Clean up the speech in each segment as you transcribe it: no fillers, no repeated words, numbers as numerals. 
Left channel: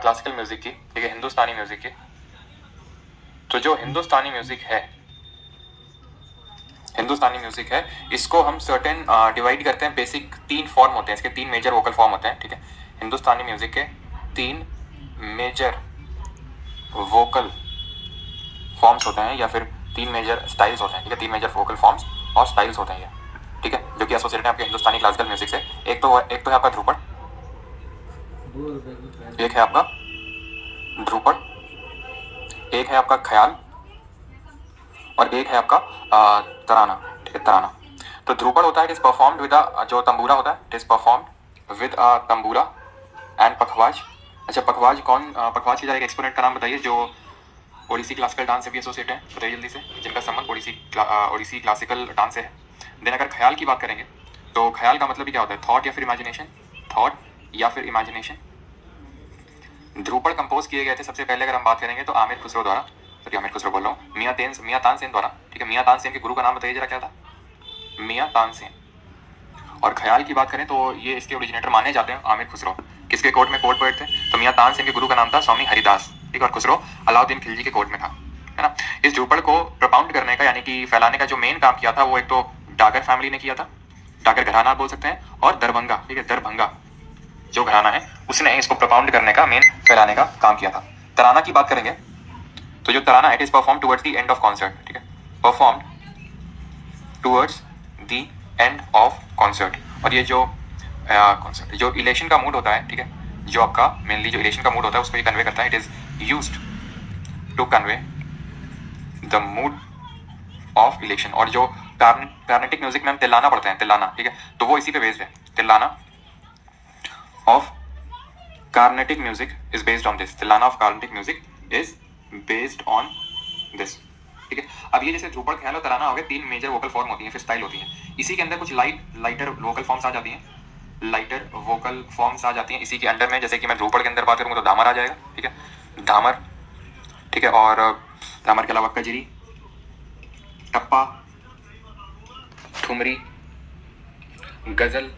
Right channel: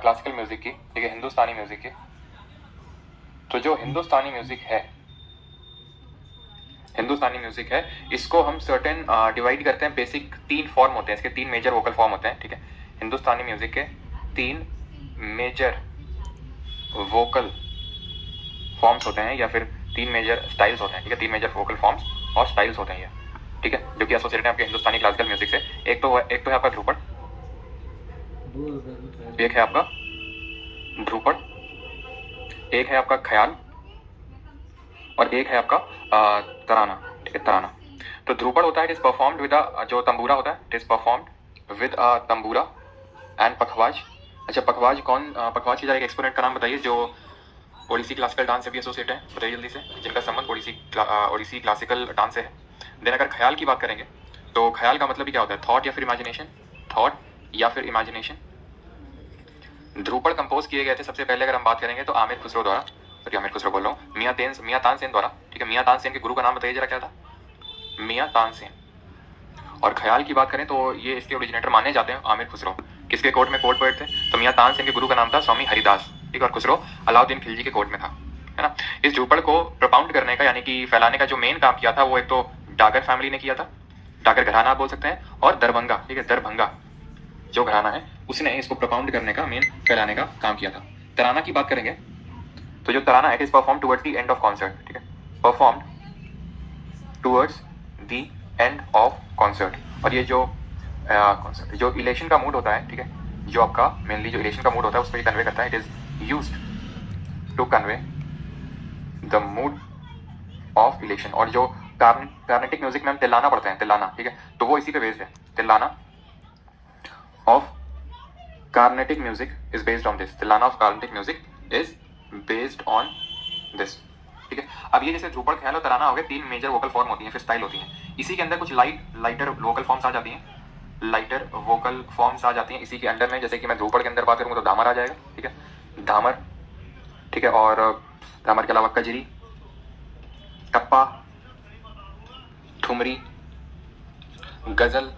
Classical music की, ठीक है, हिंदुस्तानी म्यूजिक की। तो जो हिंदुस्तानी म्यूजिक है इसको हम सर्टेन डिवाइड करते हैं। बेसिक 3 फॉर्म होते हैं इसके, 3 मेजर वोकल फॉर्म होते हैं, ठीक है। हिंदुस्तानी म्यूजिक के 3 मेजर वोकल फॉर्म्स होते हैं, या फिर 3 मेजर स्टाइल्स होते हैं, ठीक है। 3 मेजर वोकल फॉर्म्स और स्टाइल्स होते हैं ये, ठीक है, जो कि एसोसिएटेड है आपके हिंदुस्तानी क्लासिकल म्यूजिक से। एक तो है आपका ध्रुपद, एक है आपका ध्रुपद, एक है आपका ख्याल, और एक है आपका तराना, ठीक है, तराना। तो ध्रुपद होता है, इट इज परफॉर्म्ड विद जो तंबूरा होता है, it is performed with tambura and pakhawaj. अच्छा, पखवाज कौन, पखवाज की जरा एक एक्सपोनेंट का नाम बताइए जो ओडिसी क्लासिकल डांस से भी एसोसिएट है, बताइए जल्दी से, जिनका संबंध ओडिसी क्लासिकल डांस से है। देन अगर ख्याल की बात करेंगे तो ख्याल का मतलब भी क्या होता है, थॉट या फिर इमेजिनेशन, थॉट या फिर इमेजिनेशन। ध्रुपद कंपोज किए गए थे सबसे पहले अगर हम बात करेंगे तो आमिर खुसरो द्वारा, सॉरी आमिर खुसरो बोल रहा हूँ, मियां तानसेन द्वारा, ठीक है। मियां तानसेन के गुरु का नाम बताइए जरा, क्या था, मियां तानसेन। और ख्याल की बात करें तो ये इसके ओरिजिनेटर माने जाते हैं आमिर खुसरो। किसके कोर्ट में कोर्ट पोएट थे, तो मियां तानसेन के गुरु का नाम था स्वामी हरिदास, ठीक है। और खुसरो अलाउद्दीन खिलजी के कोर्ट में था, है ना। इस ध्रुपद को प्रपाउंड करने का यानी कि फैलाने का जो मेन काम किया था वो एक तो डागर फैमिली ने किया था, डागर घराना बोल सकते हैं, और दरभंगा, ठीक है, दरभंगा जो घराना है उसने इसको प्रपाउंड करने का, मेन फैलाने का काम किया था। तराना की बात करेंगे तो जो तराना है it is perform towards the end of concert, ठीक है, perform towards the end of concert. और ये जो कॉन्सर्ट जो इलेशन का मूड होता है, ठीक है, जो आपका मेनली जो इलेशन का मूड होता है उसको ये कन्वे करता है। It is used to convey the mood of election. और जो कार्नेटिक म्यूजिक में हम तिल्लाना पढ़ते हैं, तिल्लाना, ठीक है, तो वो इसी पे बेस्ड है। Tillana of Carnatic music is based on this, tillana of Carnatic music is based on this, ठीक है। अब ये जैसे ध्रुपद, ख्याल और तराना हो गए, 3 मेजर वोकल फॉर्म होती हैं, फिर स्टाइल होती हैं। इसी के अंदर कुछ लाइटर वोकल फॉर्म्स आ जाती हैं, लाइटर वोकल फॉर्म्स आ जाती हैं इसी के अंडर में। जैसे कि मैं ध्रुपद के अंदर बात करूंगा तो धामर आ जाएगा, ठीक है, धामर, ठीक है। और धामर के अलावा कजरी, टप्पा, ठुमरी, गजल,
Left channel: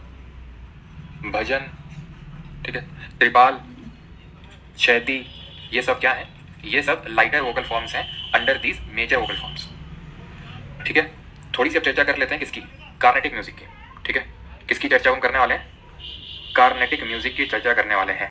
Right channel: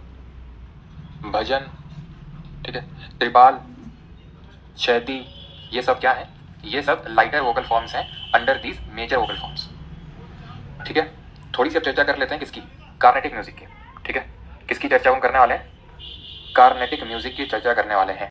भजन, ठीक है, त्रिपाल, शैती, ये सब क्या है, ये सब लाइटर वोकल फॉर्म्स हैं under these major vocal forms, ठीक है। थोड़ी सी अब चर्चा कर लेते हैं किसकी, कार्नेटिक म्यूजिक की, ठीक है। किसकी चर्चा हम करने वाले हैं, कार्नेटिक म्यूजिक की चर्चा करने वाले हैं।